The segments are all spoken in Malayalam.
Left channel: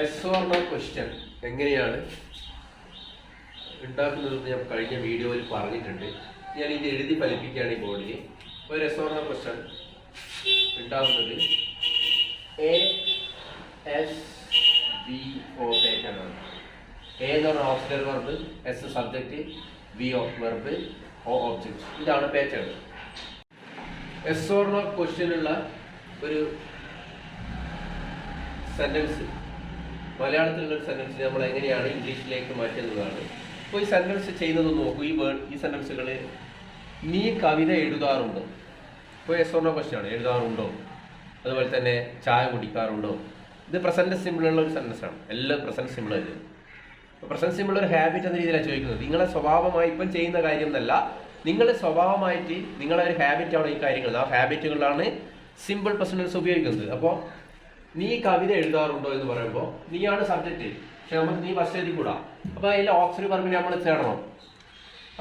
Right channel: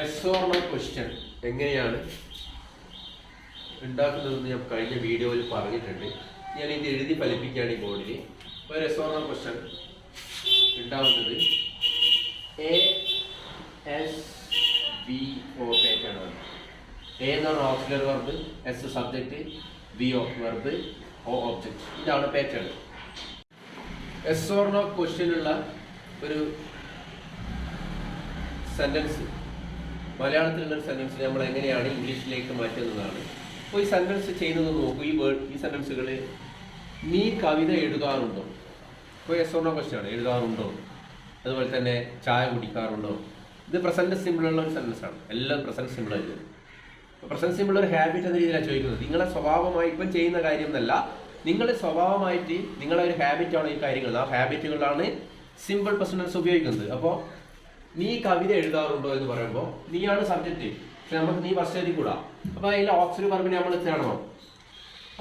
എസ് ഓർ നോ ക്വസ്റ്റ്യൻ എങ്ങനെയാണ്? ഉണ്ടാക്കുന്നതെന്ന് ഞാൻ കഴിഞ്ഞ വീഡിയോയിൽ പറഞ്ഞിട്ടുണ്ട്. ഞാൻ ഇത് എഴുതി ഫലിപ്പിക്കുകയാണ് ഈ ബോർഡിൽ ഒരു എസ് ഓർ നോ ക്വസ്റ്റ്യൻ ഉണ്ടാവുന്നത് A S B O pattern ആണ്. എ എന്ന് പറഞ്ഞ auxiliary verb S subject B of verb O object ഇതാണ് പാറ്റേൺ എസ് നോ ക്വസ്റ്റ്യനുള്ള ഒരു സെന്റൻസ് മലയാളത്തിലുള്ള ഒരു സെന്റൻസ് നമ്മൾ എങ്ങനെയാണ് ഇംഗ്ലീഷിലേക്ക് മാറ്റുന്നതാണ്. അപ്പോൾ ഈ സെന്റൻസ് ചെയ്യുന്നത് നോക്കൂ. ഈ വേർഡ് ഈ സെന്റൻസുകൾ നീ കവിത എഴുതാറുണ്ടോ? ഇപ്പോൾ എസ് ഓർണോ ക്വസ്റ്റ്യൻ ആണ്. എഴുതാറുണ്ടോ? അതുപോലെ തന്നെ ചായ കുടിക്കാറുണ്ടോ? ഇത് പ്രസന്റ് സിമ്പിളുള്ള ഒരു സെന്റൻസ് ആണ്. എല്ലാം പ്രസന്റ് സിമ്പിൾ ആണ് അപ്പോൾ പ്രസന്റ് സിമ്പിൾ ഒരു ഹാബിറ്റ് എന്ന രീതിയിലാണ് ചോദിക്കുന്നത്. നിങ്ങളെ സ്വഭാവമായി ഇപ്പം ചെയ്യുന്ന കാര്യം എന്നല്ല. നിങ്ങൾ സ്വഭാവമായിട്ട് നിങ്ങളെ ഒരു ഹാബിറ്റാണ് ഈ കാര്യങ്ങൾ. ആ ഹാബിറ്റുകളാണ് സിമ്പിൾ പ്രസന്റൻസ് ഉപയോഗിക്കുന്നത്. അപ്പോൾ നീ കവിത എഴുതാറുണ്ടോ എന്ന് പറയുമ്പോൾ നീയാണ് സബ്ജക്റ്റ് പക്ഷെ നമുക്ക് നീ ഫസ്റ്റ് എഴുതി കൂടാ അപ്പോൾ അതിൽ ഓപ്ഷൻ പറമ്പിൽ നമ്മൾ ചേർണം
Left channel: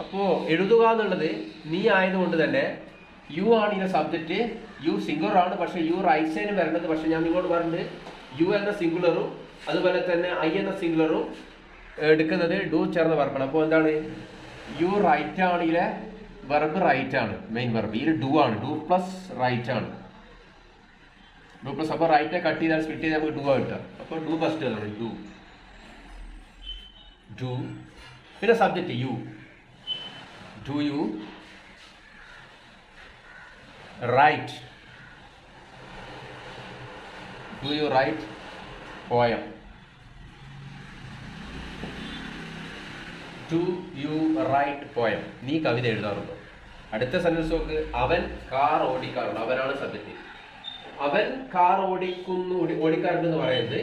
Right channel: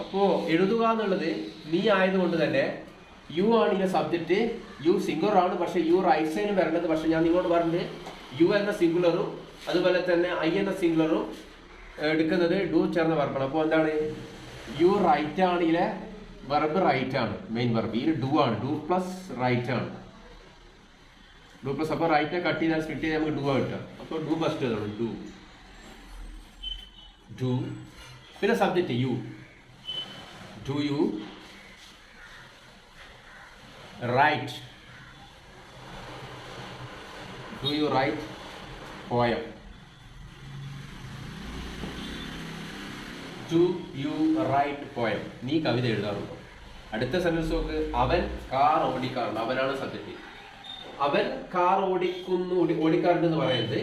അപ്പോൾ എഴുതുക എന്നുള്ളത് നീ ആയതുകൊണ്ട് തന്നെ യു ആണ് ഇതിന്റെ സബ്ജക്റ്റ് യു സിംഗുലർ ആണ്. പക്ഷേ യു റൈറ്റ് സൈഡിൽ വരേണ്ടത് പക്ഷേ ഞാൻ നിങ്ങളോട് പറഞ്ഞത് യു എന്ന സിംഗുലറും അതുപോലെ തന്നെ ഐ എന്ന സിംഗുലറും എടുക്കുന്നത് ഡു ചേർന്ന് വർക്കണം അപ്പോൾ എന്താണ്? യു റൈറ്റ് ആണ് ഇതിലെ വെർബ് റൈറ്റ് ആണ്. മെയിൻ വെർബ് ഇതിൽ ഡു ആണ്. ഡു പ്ലസ് റൈറ്റ് ആണ്. ഡു പ്ലസ് അപ്പോൾ റൈറ്റ് കട്ട് ചെയ്താൽ സ്കിറ്റ് ചെയ്താൽ നമുക്ക് ഡു ആ കിട്ടുക. അപ്പോൾ ഡു ഫസ്റ്റ് അതാണ് ഡു ഡു പിന്നെ subject you do you write do you write poem do you write poem നീ കവിത എഴുതാറുണ്ടോ? അടുത്ത സെന്റൻസ് നോക്ക്. അവൻ കാർ ഓടിക്കാറുണ്ട്. അവനാണ് സബ്ജക്റ്റ് അവൻ കാർ ഓടിക്കുന്നു ഓടി- ഓടിക്കാറുണ്ട് എന്ന് പറയുന്നത്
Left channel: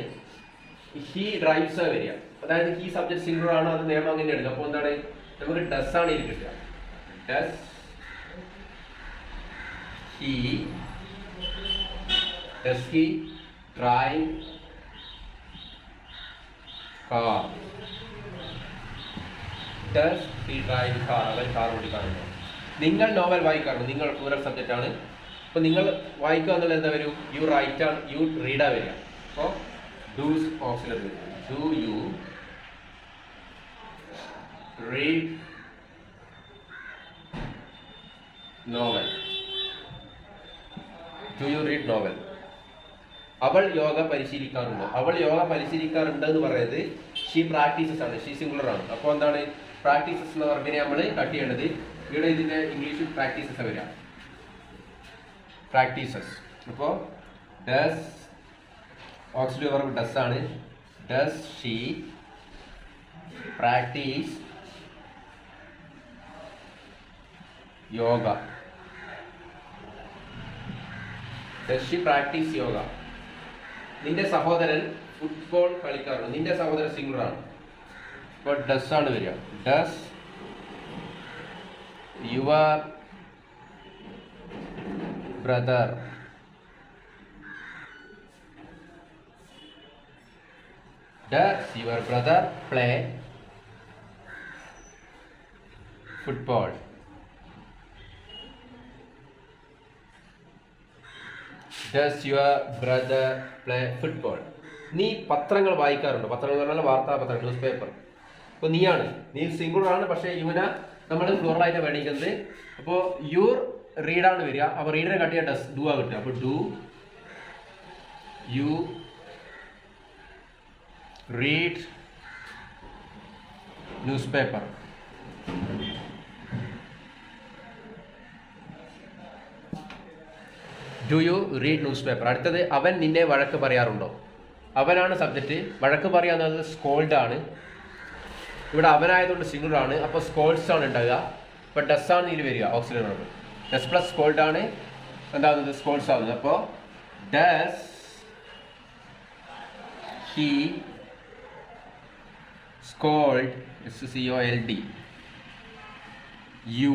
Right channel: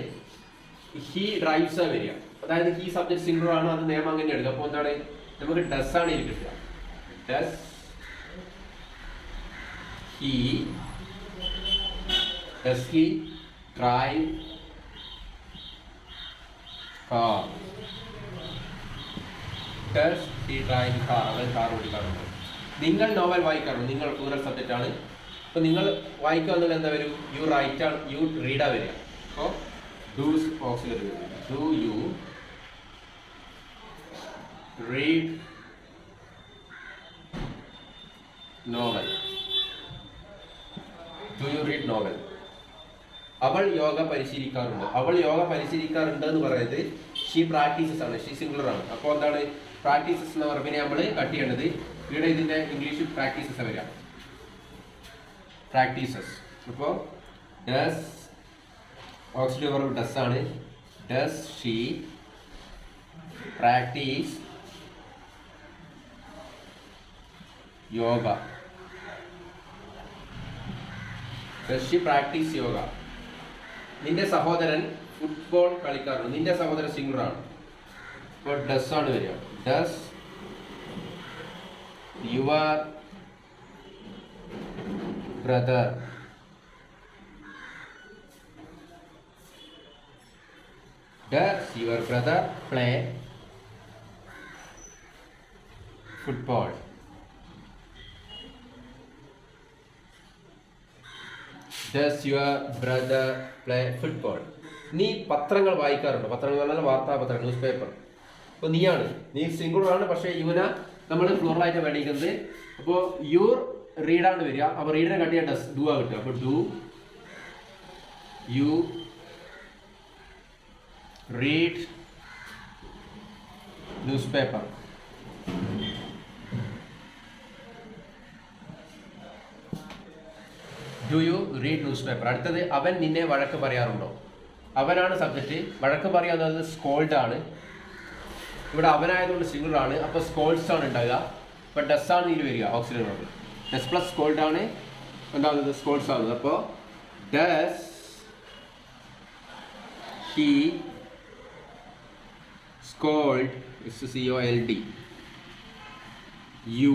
ഹി ഡ്രൈവ്സ് ആ വരിക അതായത് ഈ സബ്ജക്ട് സിംഗിൾ ആണ് അത് നിയമം അങ്ങനെ എടുക്കുക അപ്പോൾ എന്താണ്? നമുക്ക് ഡസ് ആണ് ഇതിൽ കിട്ടുക. Does he does he drive car does he drive car അവൻ കാർ ഓടിക്കാറുണ്ട്? നിങ്ങൾ നോവൽ വായിക്കാറുണ്ട്? നിങ്ങൾ പ്ലൂറൽ സബ്ജക്റ്റ് ആണ്. അപ്പോൾ നിങ്ങൾ വായിക്കുക എന്നുള്ളത് എന്താ വരും? യു റൈറ്റ് ആണ് യു റീഡാ വരിക. അപ്പോൾ does auxiliary do you read novel do you read novel അവൾ യോഗ പരിശീലിക്കാറുണ്ട്. അവൾ യോഗ പരിശീലിക്കാറുണ്ട് എന്ന് പറയുന്നത് ഷീ പ്രാക്ടീസസ് ആണ്. ഷീ സിംഗുലർ ആണ്. അപ്പോൾ എന്താണ്? പ്രാക്ടീസസ് എന്ന വർബിനെ നമ്മൾ കട്ട് ചെയ്യേണ്ടത്. ഇവിടെ ഇതിന്റെ ഇംഗ്ലീഷിൽ പ്രാക്ടീസസ് വരിക. പ്രാക്ടീസസ്. അപ്പോൾ ഡസ് ഓക്സിലറി വർബ് ഡസ് ആണ്. Does she practice yoga does she practice yoga നിന്റെ സഹോദരൻ ഫുട്ബോൾ കളിക്കാറുണ്ട്. നിന്റെ സഹോദരൻ സിംഗറാണ് ഇപ്പോൾ ഡസ് ആണ് വരിക. Does your brother does your brother play football? Does your brother play football നീ പത്രങ്ങൾ വായിക്കാറുണ്ട്? പത്രങ്ങൾ പറഞ്ഞാൽ വാർത്താ പത്രം ന്യൂസ് പേപ്പർ അപ്പോൾ നീയാണ്. നീ സിംഗിൾ ആണ് പക്ഷേ യുവന നമ്മൾ ഫ്ലോറലായിട്ട് മേടിക്കുന്നത് അപ്പോൾ യുവർ റീഡാണ് വരിക. അപ്പോൾ റീഡിനെ കട്ട് ഡസ് ഡു ആ കിട്ടുക അപ്പോൾ do you read newspaper do you read newspaper അടുത്തത് അവൻ നിന്നെ വഴക്ക് പറയാറുണ്ടോ? അവനാണ് സബ്ജക്റ്റ് വഴക്ക് പറയാവുന്നത് സ്കോൾഡ് ആണ്. ഇവിടെ അവനായതുകൊണ്ട് സിംഗിൾ ആണ്. അപ്പോൾ സ്കോൾസ് ആണ് ഉണ്ടാകുക അപ്പോൾ ഡസ് ആണ് ഇതിൽ വരിക. Auxiliary verb does plus scold ആണ് എന്താകുന്നത് സ്കോൾഡ്സ് ആവുന്നത് അപ്പോൾ does he scold S C O L D you